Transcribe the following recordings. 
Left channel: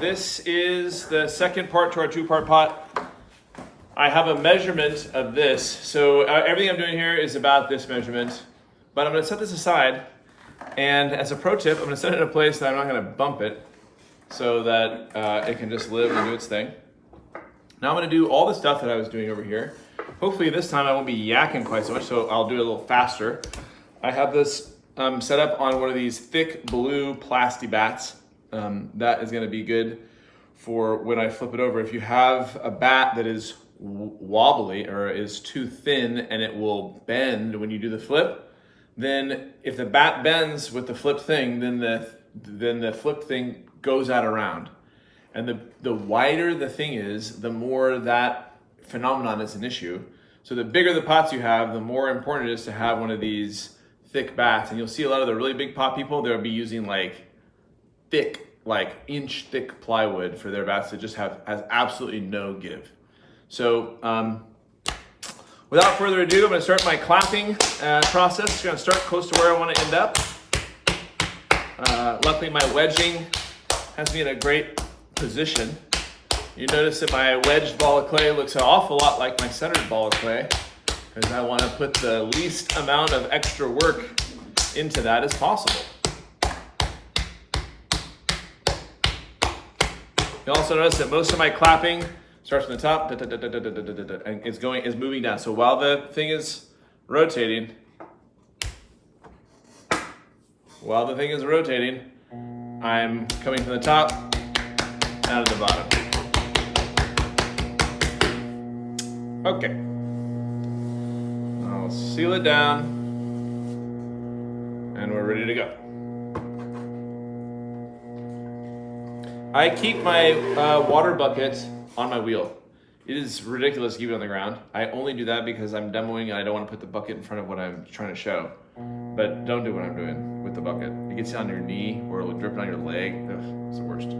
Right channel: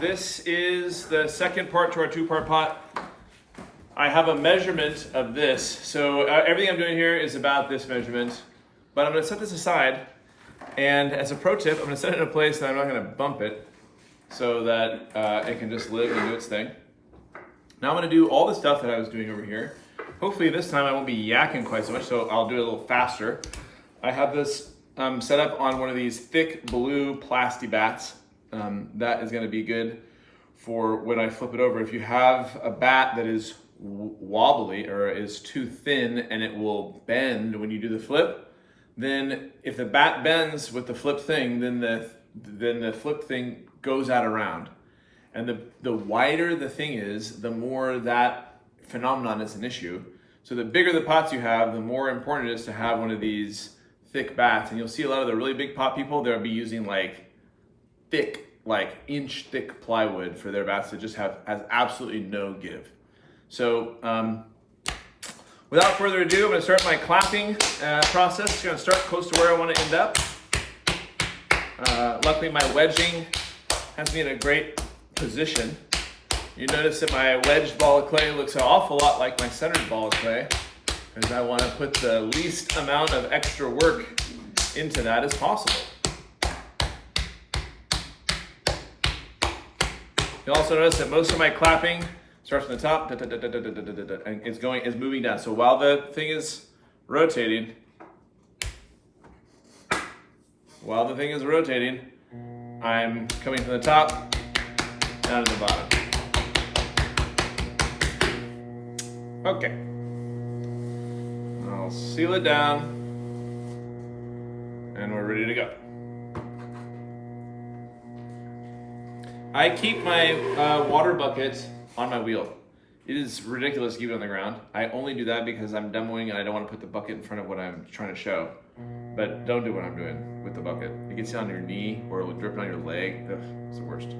This is the second part to our two-part pot. I have a measurement of this. So everything I'm doing here is about this measurement, but I'm gonna set this aside. And as a pro tip, I'm gonna set it in a place that I'm not gonna bump it so that it can just live and do its thing. Now I'm gonna do all the stuff that I was doing over here. Hopefully this time I won't be yakking quite so much, so I'll do it a little faster. I have this set up on one of these thick blue plasti bats. That is gonna be good for when I flip it over. If you have a bat that is wobbly or is too thin and it will bend when you do the flip, then if the bat bends with the flip thing, then the flip thing goes out around. And the wider the thing is, the more that phenomenon is an issue. So the bigger the pots you have, the more important it is to have one of these thick bats. And you'll see a lot of the really big pot people, they'll be using like thick, like inch thick plywood for their bats that just has absolutely no give. So without further ado, I'm gonna start my clapping process. It's gonna start close to where I wanna end up. Luckily my wedging has me in a great position. You notice that my wedged ball of clay looks an awful lot like my centered ball of clay because I want to put the least amount of extra work into that as possible. You'll also notice that most of my clapping starts from the top and is moving down. So while the thing is rotating, I'm coming from the top down to the bottom. Okay. I'll seal it down and we're ready to go. I keep my water bucket on my wheel. It is ridiculous to keep it on the ground. I only do that because I'm demoing and I don't want to put the bucket in front of what I'm trying to show. But don't do what I'm doing with the bucket. It gets on your knee or it'll drip on your leg. Ugh, it's the worst.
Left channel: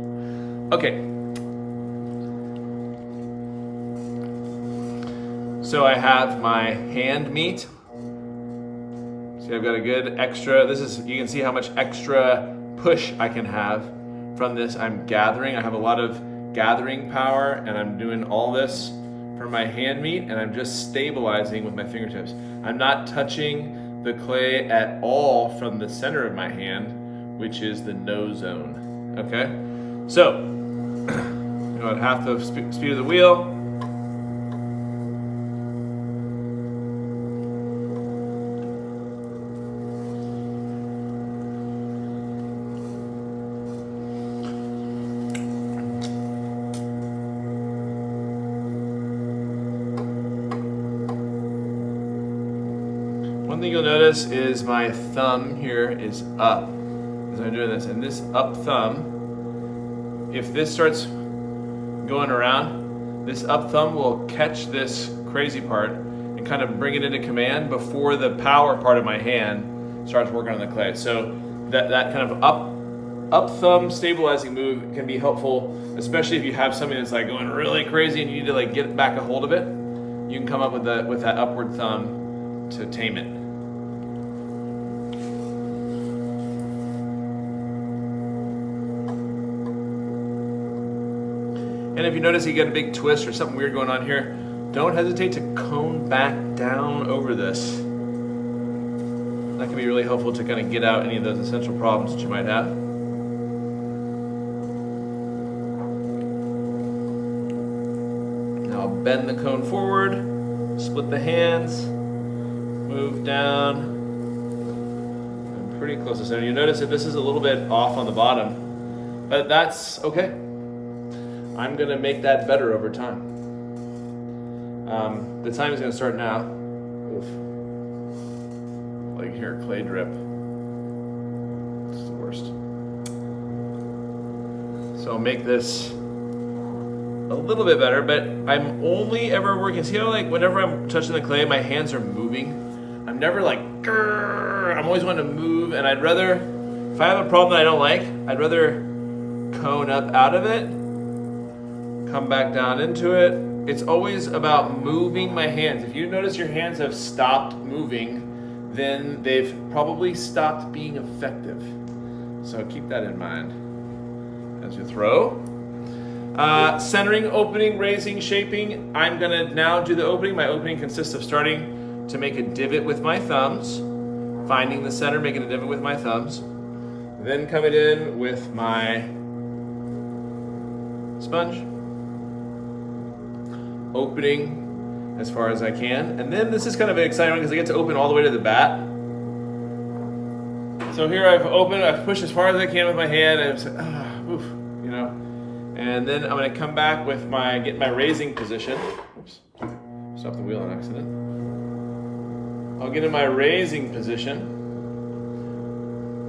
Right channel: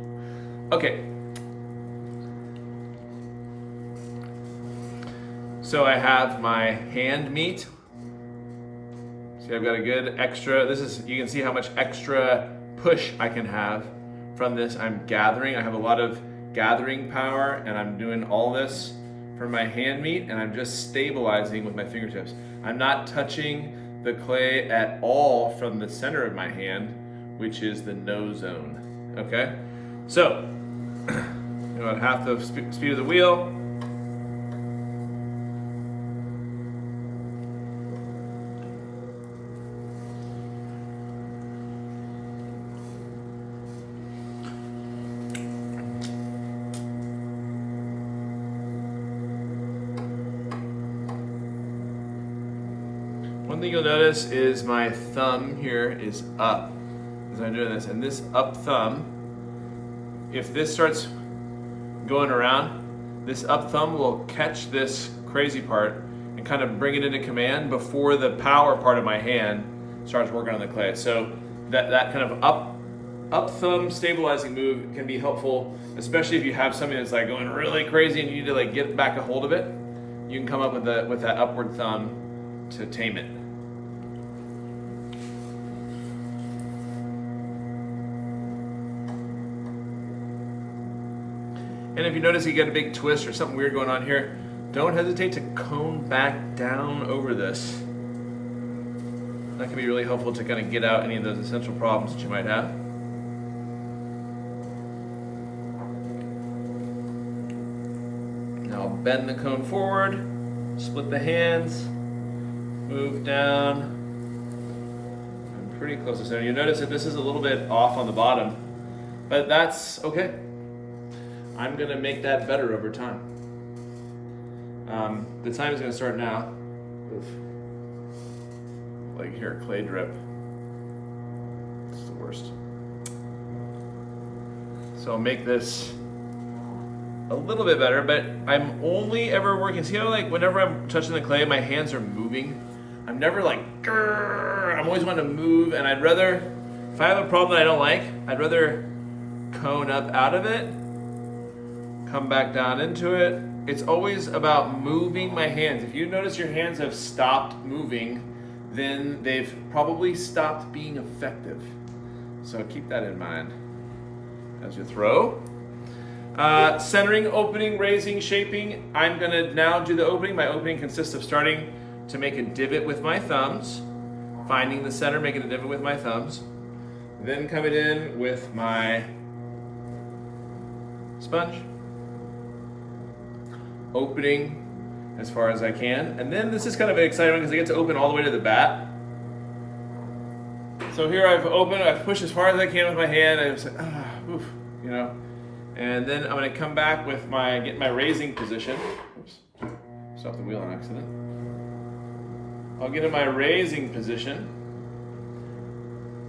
Okay. So I have my hand meat. See, I've got a good extra, you can see how much extra push I can have from this. I'm gathering, I have a lot of gathering power and I'm doing all this for my hand meat and I'm just stabilizing with my fingertips. I'm not touching the clay at all from the center of my hand, which is the no zone, okay? So, at half the speed of the wheel, one thing you'll notice is my thumb here is up as I'm doing this, and this up thumb, if this starts going around, this up thumb will catch this crazy part and kind of bring it into command before the power part of my hand starts working on the clay. So that kind of up thumb stabilizing move can be helpful, especially if you have something that's like going really crazy and you need to like get back a hold of it. You can come up with that upward thumb to tame it. And if you notice you get a big twist or something weird going on here, don't hesitate to cone back down over this. That can be really helpful to kind of get out any of those essential problems that you might have. Now bend the cone forward, split the hands, move down. I'm pretty close to center. You notice that this is a little bit off on the bottom, but that's okay. I'm gonna make that better over time. The time is gonna start now. Oof. Like here, clay drip. It's the worst. So I'll make this a little bit better, but I'm only ever working, see how like whenever I'm touching the clay, my hands are moving. I'm never like, grrr. I'm always wanting to move, and I'd rather, if I have a problem that I don't like, I'd rather cone up out of it, come back down into it. It's always about moving my hands. If you notice your hands have stopped moving, then they've probably stopped being effective. So keep that in mind as you throw. Centering, opening, raising, shaping. I'm gonna now do the opening. My opening consists of starting to make a divot with my thumbs, finding the center, making a divot with my thumbs, then coming in with my sponge, opening as far as I can, and then this is kind of an exciting one because I get to open all the way to the bat. So here I've pushed as far as I can with my hand, and I'm like, oof, you know. And then I'm going to come back with get my raising position. Oops, stopped the wheel on accident. I'll get in my raising position.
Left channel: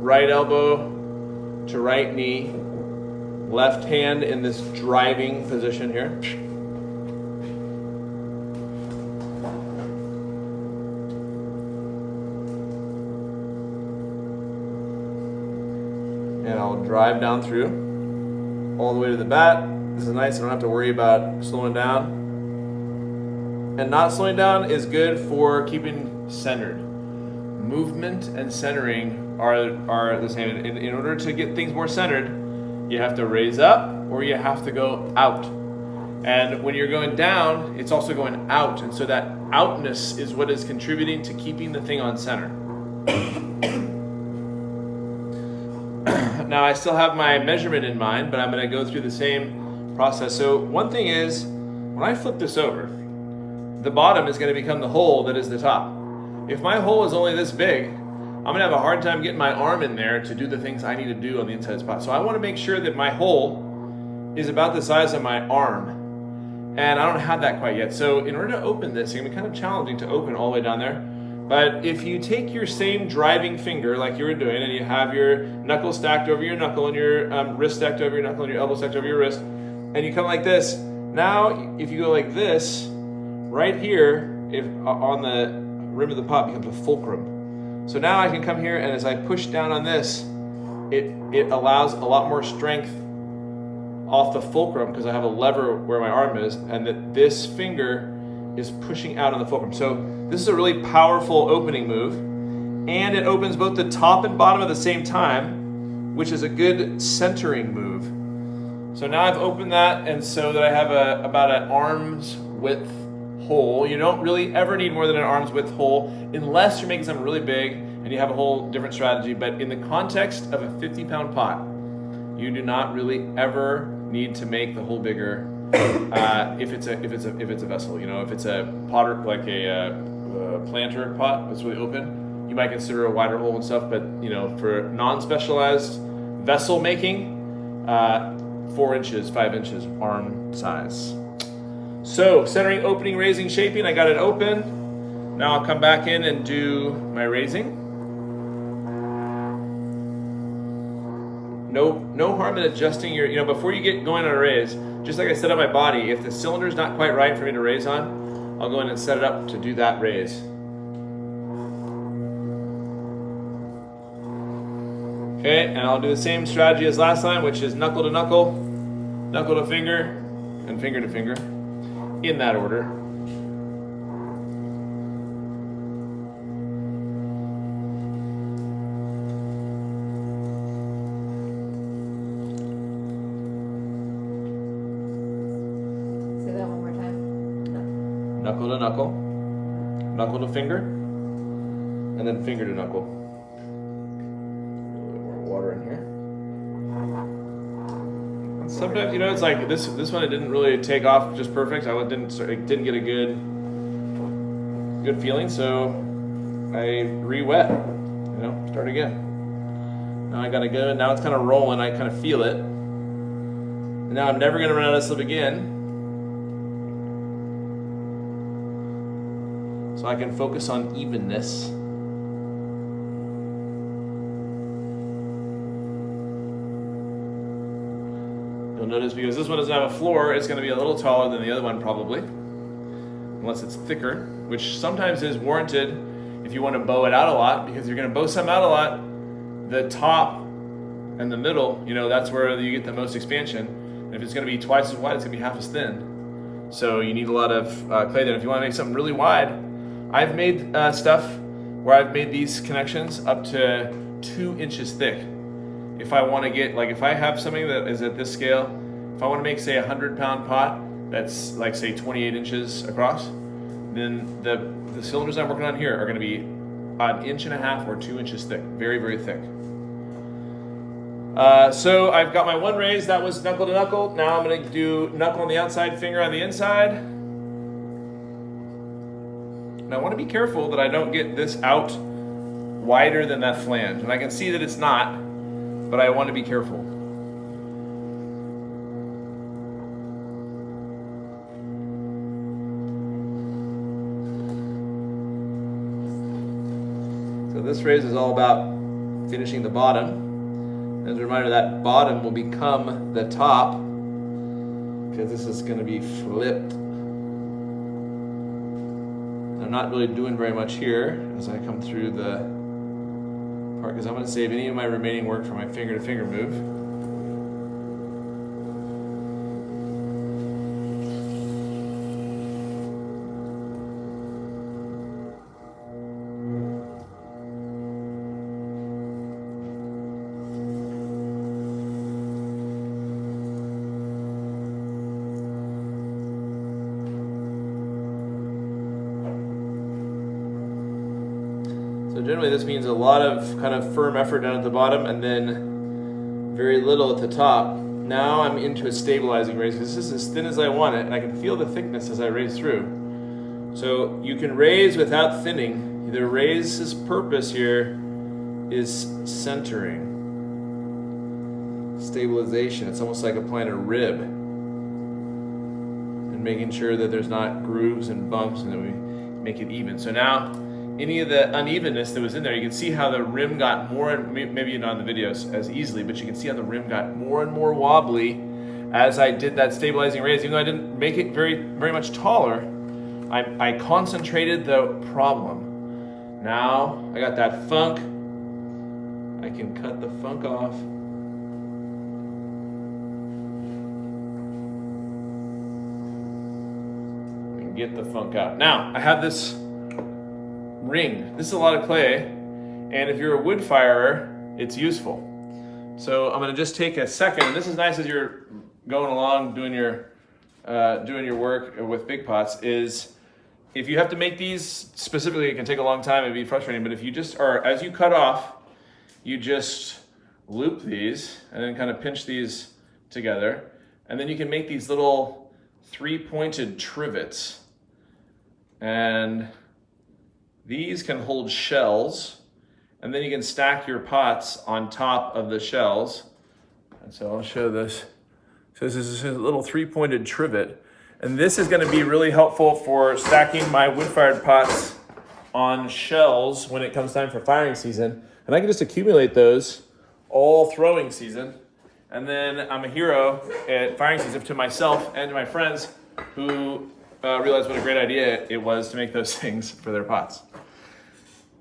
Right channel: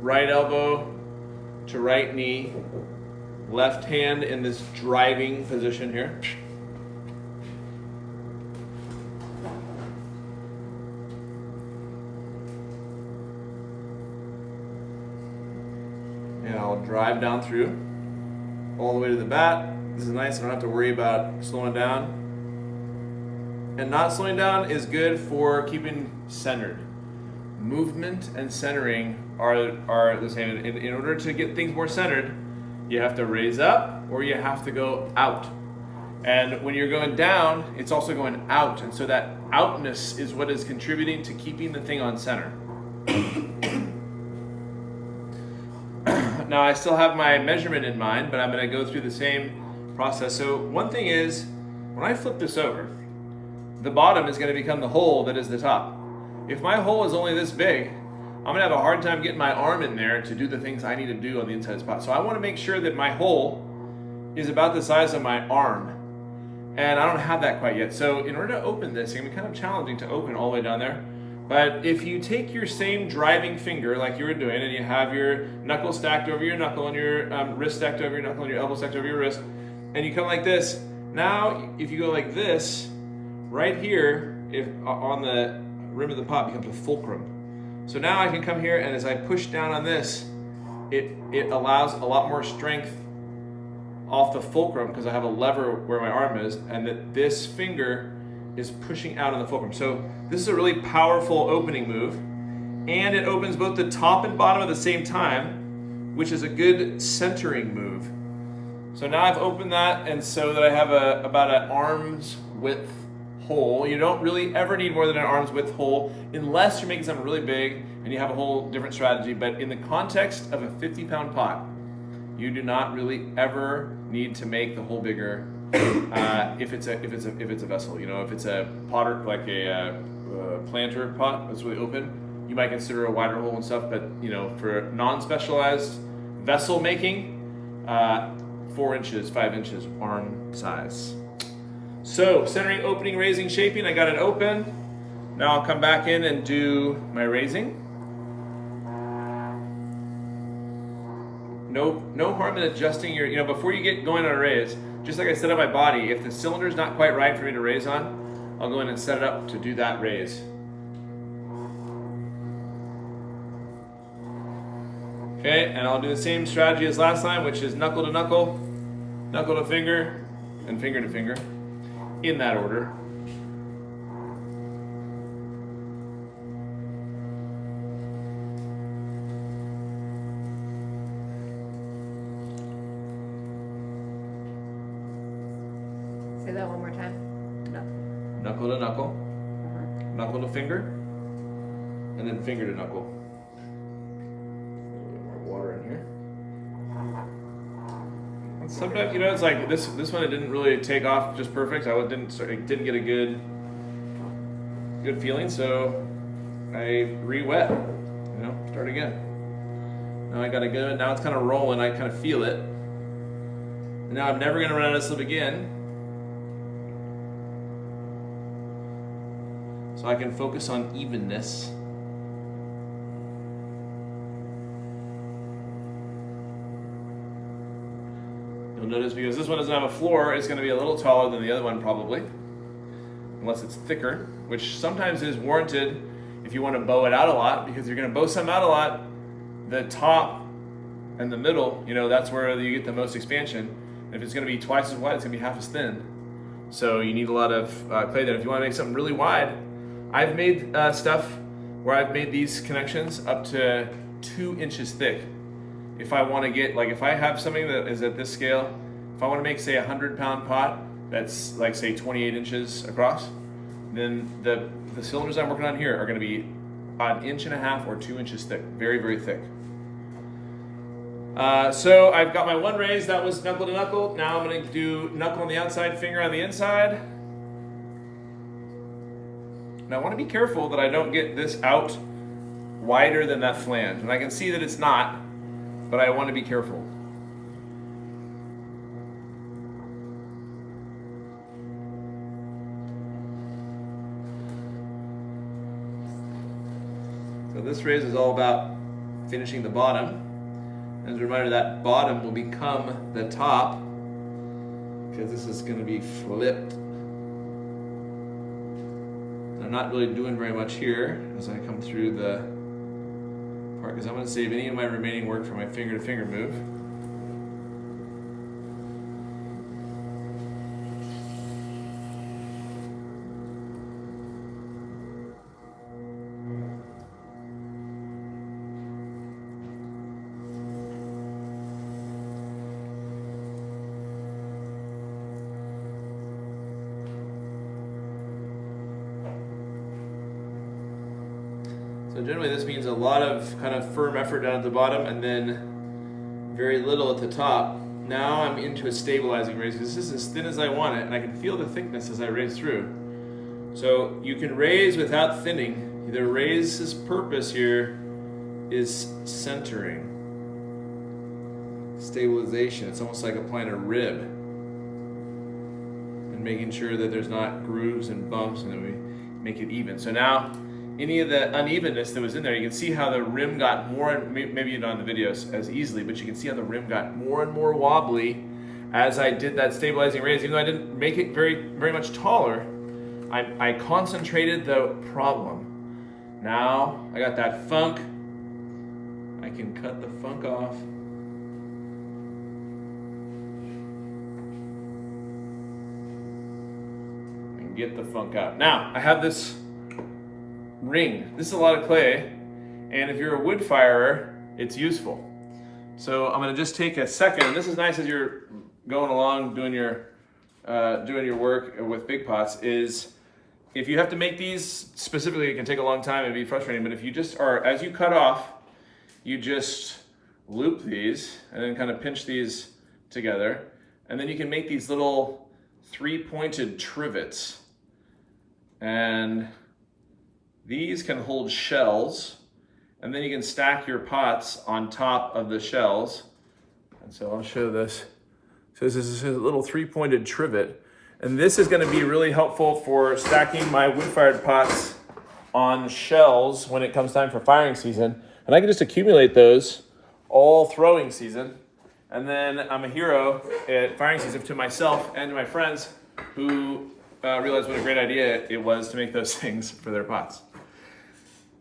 Right elbow to right knee. Left hand in this driving position here. And I'll drive down through all the way to the bat. This is nice, I don't have to worry about slowing down. And not slowing down is good for keeping centered. Movement and centering are the same. In order to get things more centered, you have to raise up or you have to go out. And when you're going down, it's also going out. And so that outness is what is contributing to keeping the thing on center. Now I still have my measurement in mind, but I'm going to go through the same process. So one thing is, when I flip this over, the bottom is going to become the hole that is the top. If my hole is only this big, I'm going to have a hard time getting my arm in there to do the things I need to do on the inside spot. So I want to make sure that my hole is about the size of my arm. And I don't have that quite yet. So in order to open this, it's going to be kind of challenging to open all the way down there. But if you take your same driving finger like you were doing, and you have your knuckle stacked over your knuckle, and your wrist stacked over your knuckle, and your elbow stacked over your wrist, and you come like this, now if you go like this, right here, if on the rim of the pot becomes a fulcrum. So now I can come here, and as I push down on this, it allows a lot more strength off the fulcrum because I have a lever where my arm is, and that this finger is pushing out on the fulcrum. So this is a really powerful opening move, and it opens both the top and bottom at the same time, which is a good centering move. So now I've opened that, and so that I have about an arm's width hole. You don't really ever need more than an arm's width hole unless you're making something really big and you have a whole different strategy. But in the context of a 50-pound pot, you do not really ever need to make the hole bigger. If it's a vessel, you know, if it's a potter, like a planter pot that's really open, you might consider a wider hole and stuff. But you know, for non-specialized vessel making, 4 inches, 5 inches, arm size. So centering, opening, raising, shaping. I got it open. Now I'll come back in and do my raising. No harm in adjusting your, you know, before you get going on a raise, just like I set up my body, if the cylinder's not quite right for me to raise on, I'll go in and set it up to do that raise. Okay, and I'll do the same strategy as last time, which is knuckle to knuckle, knuckle to finger, and finger to finger, in that order. Knuckle to knuckle, knuckle to finger, and then finger to knuckle. A little more water in here. Sometimes, you know, it's like this one, it didn't really take off just perfect. I didn't get a good feeling, so I re-wet. You know, start again. Now I gotta go. Now it's kind of rolling. I kind of feel it. And now I'm never gonna run out of slip again. So I can focus on evenness. You'll notice because this one doesn't have a floor, it's going to be a little taller than the other one probably, unless it's thicker, which sometimes is warranted if you want to bow it out a lot, because you're going to bow some out a lot, the top and the middle, you know, that's where you get the most expansion. And if it's going to be twice as wide, it's going to be half as thin. So you need a lot of clay there. If you want to make something really wide, I've made stuff where I've made these connections up to 2 inches thick. If I want to get, like if I have something that is at this scale, if I want to make, say, a 100-pound pot that's like, say, 28 inches across, then the cylinders I'm working on here are going to be an 1.5 or 2 inches thick, very, very thick. So I've got my one raise, that was knuckle to knuckle. Now I'm going to do knuckle on the outside, finger on the inside. And I want to be careful that I don't get this out wider than that flange. And I can see that it's not, but I want to be careful. So this raise is all about finishing the bottom. As a reminder, that bottom will become the top because this is going to be flipped. I'm not really doing very much here as I come through the part because I'm going to save any of my remaining work for my finger to finger move. So generally this means a lot of kind of firm effort down at the bottom and then very little at the top. Now I'm into a stabilizing raise because this is as thin as I want it and I can feel the thickness as I raise through. So you can raise without thinning. The raise's purpose here is centering, stabilization. It's almost like applying a rib and making sure that there's not grooves and bumps and that we make it even. So now any of the unevenness that was in there, you can see how the rim got more, and maybe not in the videos as easily, but you can see how the rim got more and more wobbly as I did that stabilizing raise. Even though I didn't make it very, very much taller, I concentrated the problem. Now I got that funk. I can cut the funk off. And get the funk out. Now I have this ring. This is a lot of clay, and if you're a wood firer, it's useful. So I'm going to just take a second, and this is nice as you're going along doing your work with big pots, is if you have to make these specifically, it can take a long time and be frustrating, but if you just are, as you cut off, you just loop these and then kind of pinch these together, and then you can make these little 3-pointed trivets, and these can hold shells, and then you can stack your pots on top of the shells. And so I'll show this. So this is a little 3-pointed trivet, and this is going to be really helpful for stacking my wood-fired pots on shells when it comes time for firing season. And I can just accumulate those all throwing season, and then I'm a hero at firing season to myself and to my friends who realized what a great idea it was to make those things for their pots.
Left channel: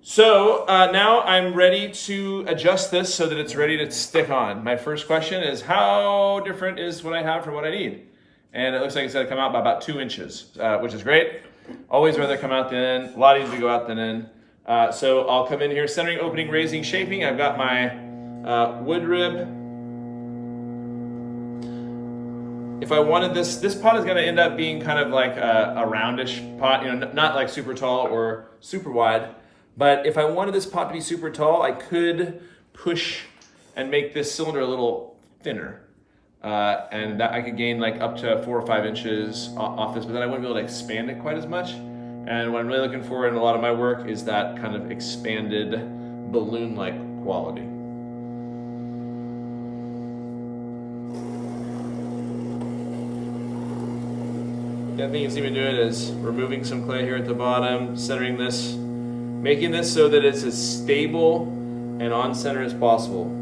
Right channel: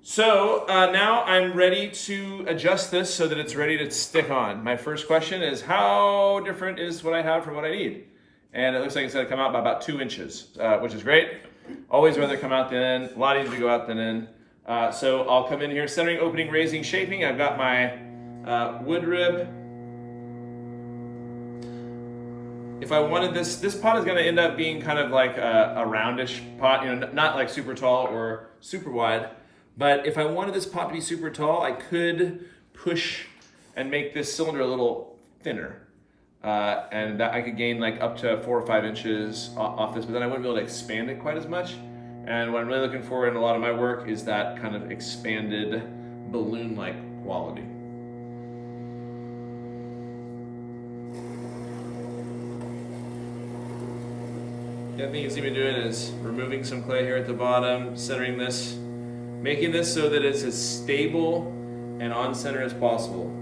So now I'm ready to adjust this so that it's ready to stick on. My first question is, how different is what I have from what I need? And it looks like it's going to come out by about 2 inches, which is great. Always rather come out than in. A lot easier to go out than in. So I'll come in here, centering, opening, raising, shaping. I've got my wood rib. If I wanted this pot is going to end up being kind of like a roundish pot, not like super tall or super wide. But if I wanted this pot to be super tall, I could push and make this cylinder a little thinner. And that I could gain like up to 4 or 5 inches off this, but then I wouldn't be able to expand it quite as much. And what I'm really looking for in a lot of my work is that kind of expanded balloon-like quality. The other thing you see me doing is removing some clay here at the bottom, centering this, making this so that it's as stable and on center as possible.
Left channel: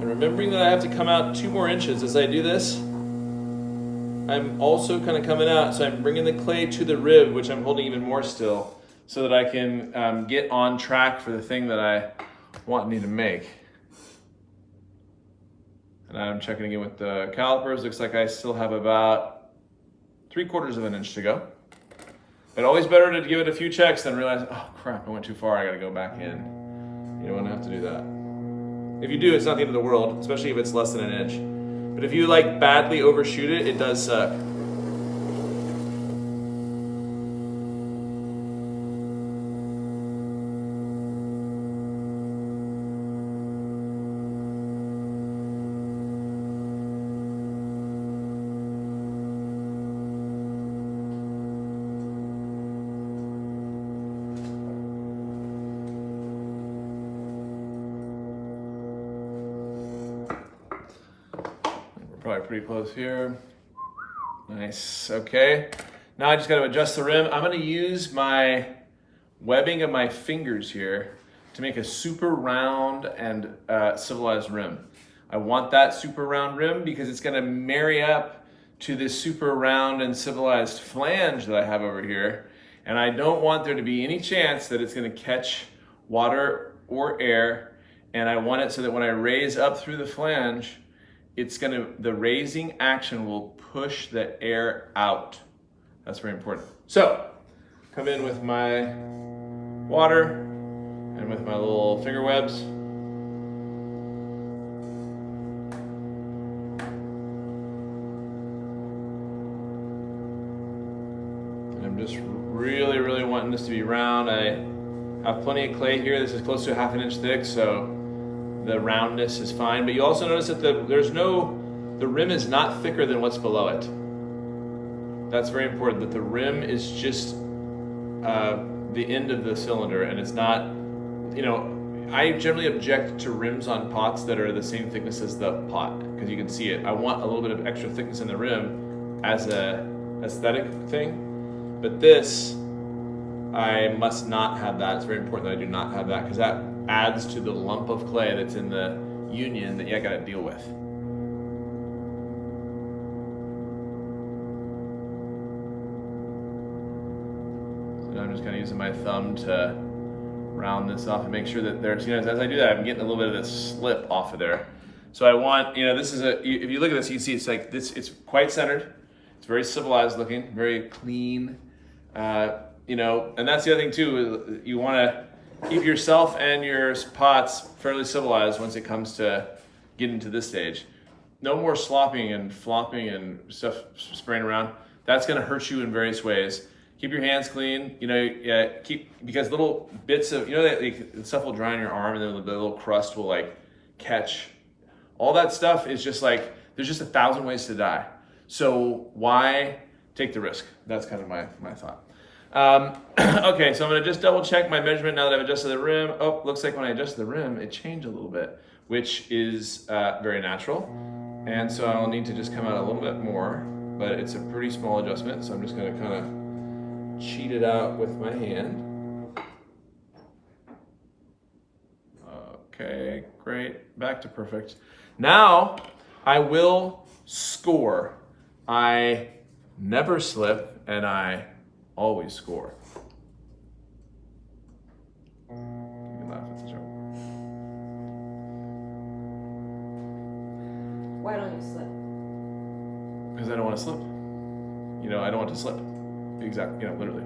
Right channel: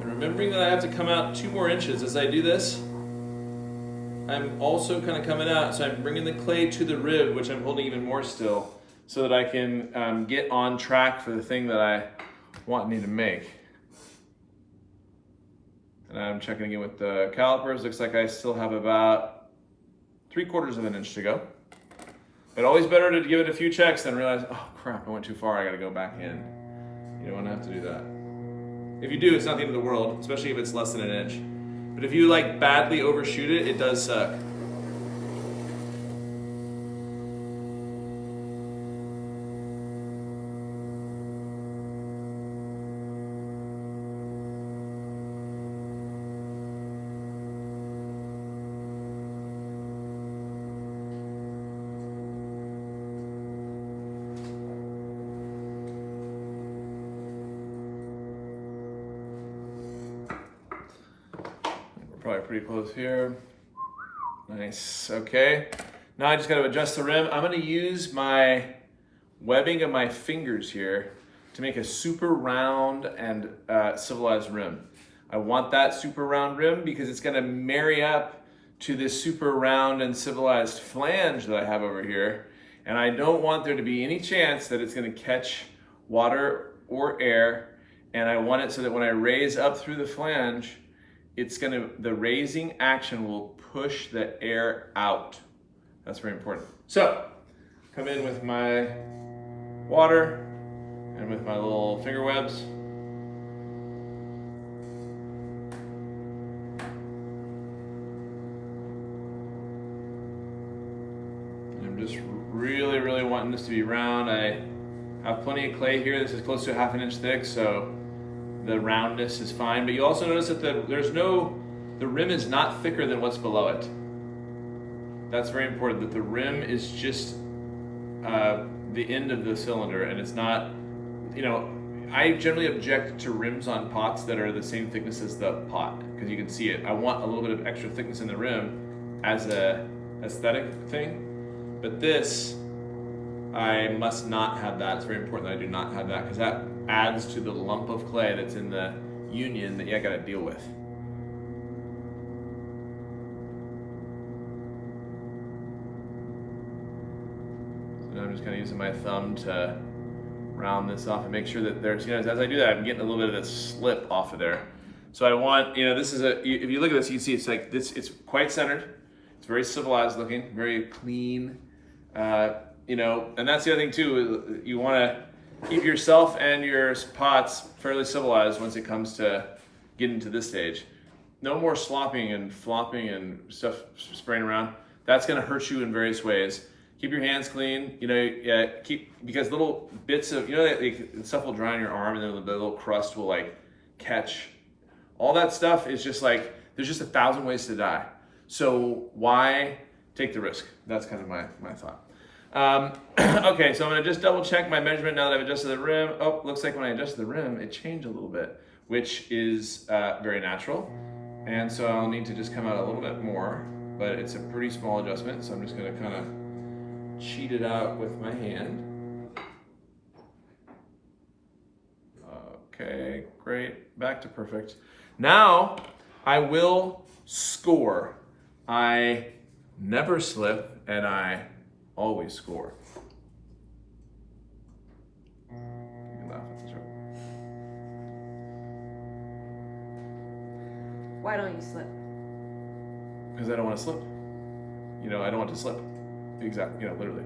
Remembering that I have to come out 2 more inches as I do this, I'm also kind of coming out, so I'm bringing the clay to the rib, which I'm holding even more still, so that I can get on track for the thing that I want and need to make. And I'm checking again with the calipers. Looks like I still have about 3/4 of an inch to go. But always better to give it a few checks than realize, oh crap, I went too far, I gotta go back in. You don't wanna have to do that. If you do, it's not the end of the world, especially if it's less than an inch. But if you like badly overshoot it, it does suck. Probably pretty close here. Nice, okay. Now I just gotta adjust the rim. I'm gonna use my webbing of my fingers here to make a super round and civilized rim. I want that super round rim because it's gonna marry up to this super round and civilized flange that I have over here. And I don't want there to be any chance that it's gonna catch water or air. And I want it so that when I raise up through the flange, the raising action will push the air out. That's very important. So, come in with my water and with my little finger webs. And I'm just really, really wanting this to be round. I have plenty of clay here. This is close to a 1/2 inch thick, so the roundness is fine, but you also notice that the rim is not thicker than what's below it. That's very important, that the rim is just the end of the cylinder, and it's not, I generally object to rims on pots that are the same thickness as the pot, because you can see it. I want a little bit of extra thickness in the rim as a aesthetic thing, but this, I must not have that. It's very important that I do not have that, because that adds to the lump of clay that's in the union that you gotta deal with. So I'm just kind of using my thumb to round this off and make sure that there's, as I do that, I'm getting a little bit of this slip off of there. So I want, this is if you look at this, you can see it's like this, it's quite centered. It's very civilized looking, very clean, and that's the other thing too, you wanna keep yourself and your pots fairly civilized once it comes to getting to this stage. No more slopping and flopping and stuff spraying around. That's gonna hurt you in various ways. Keep your hands clean, because little bits of, the stuff will dry on your arm and then the little crust will catch. All that stuff is just there's just 1,000 ways to die. So why take the risk? That's kind of my thought. Okay, so I'm gonna just double check my measurement now that I've adjusted the rim. Oh, looks like when I adjusted the rim, it changed a little bit, which is very natural. And so I'll need to just come out a little bit more, but it's a pretty small adjustment. So I'm just gonna kind of cheat it out with my hand. Okay, great, back to perfect. Now I will score. I never slip and I always score. You can laugh at the joke. Why don't you slip? Because I don't want to slip. I don't want to slip. Exactly, literally.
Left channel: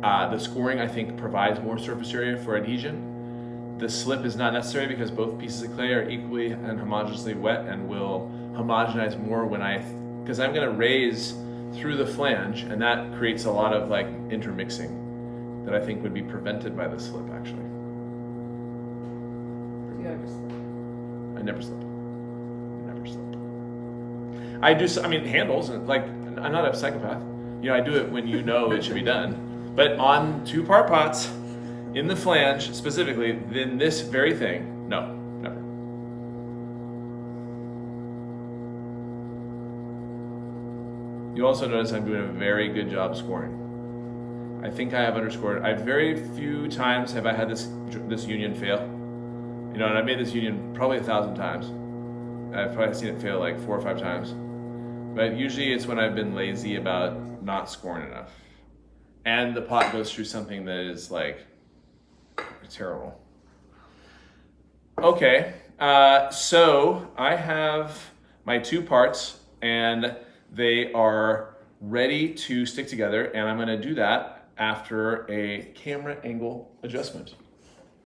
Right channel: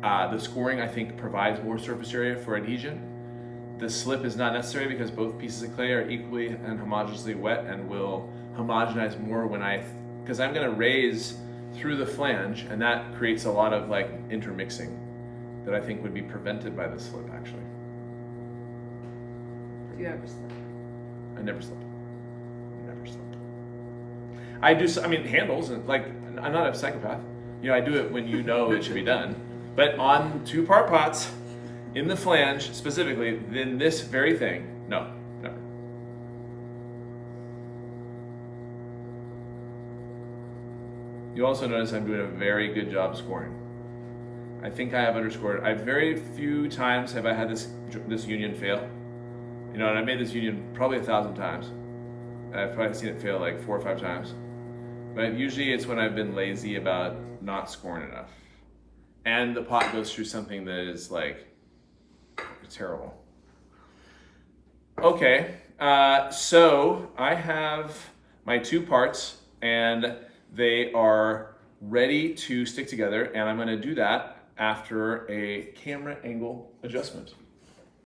The scoring, I think, provides more surface area for adhesion. The slip is not necessary because both pieces of clay are equally and homogeneously wet and will homogenize more because I'm going to raise through the flange, and that creates a lot of intermixing that I think would be prevented by the slip, actually. Do you ever slip? I never slip. Never slip. I do, handles, and I'm not a psychopath. I do it when it should be done. But on 2-part pots, in the flange specifically, then this very thing, no, never. You also notice I'm doing a very good job scoring. I think I have underscored. Very few times have I had this union fail. And I made this union probably 1,000 times. I've probably seen it fail 4 or 5 times. But usually it's when I've been lazy about not scoring enough. And the pot goes through something that is terrible. Okay, So I have my two parts and they are ready to stick together, and I'm gonna do that after a camera angle adjustment.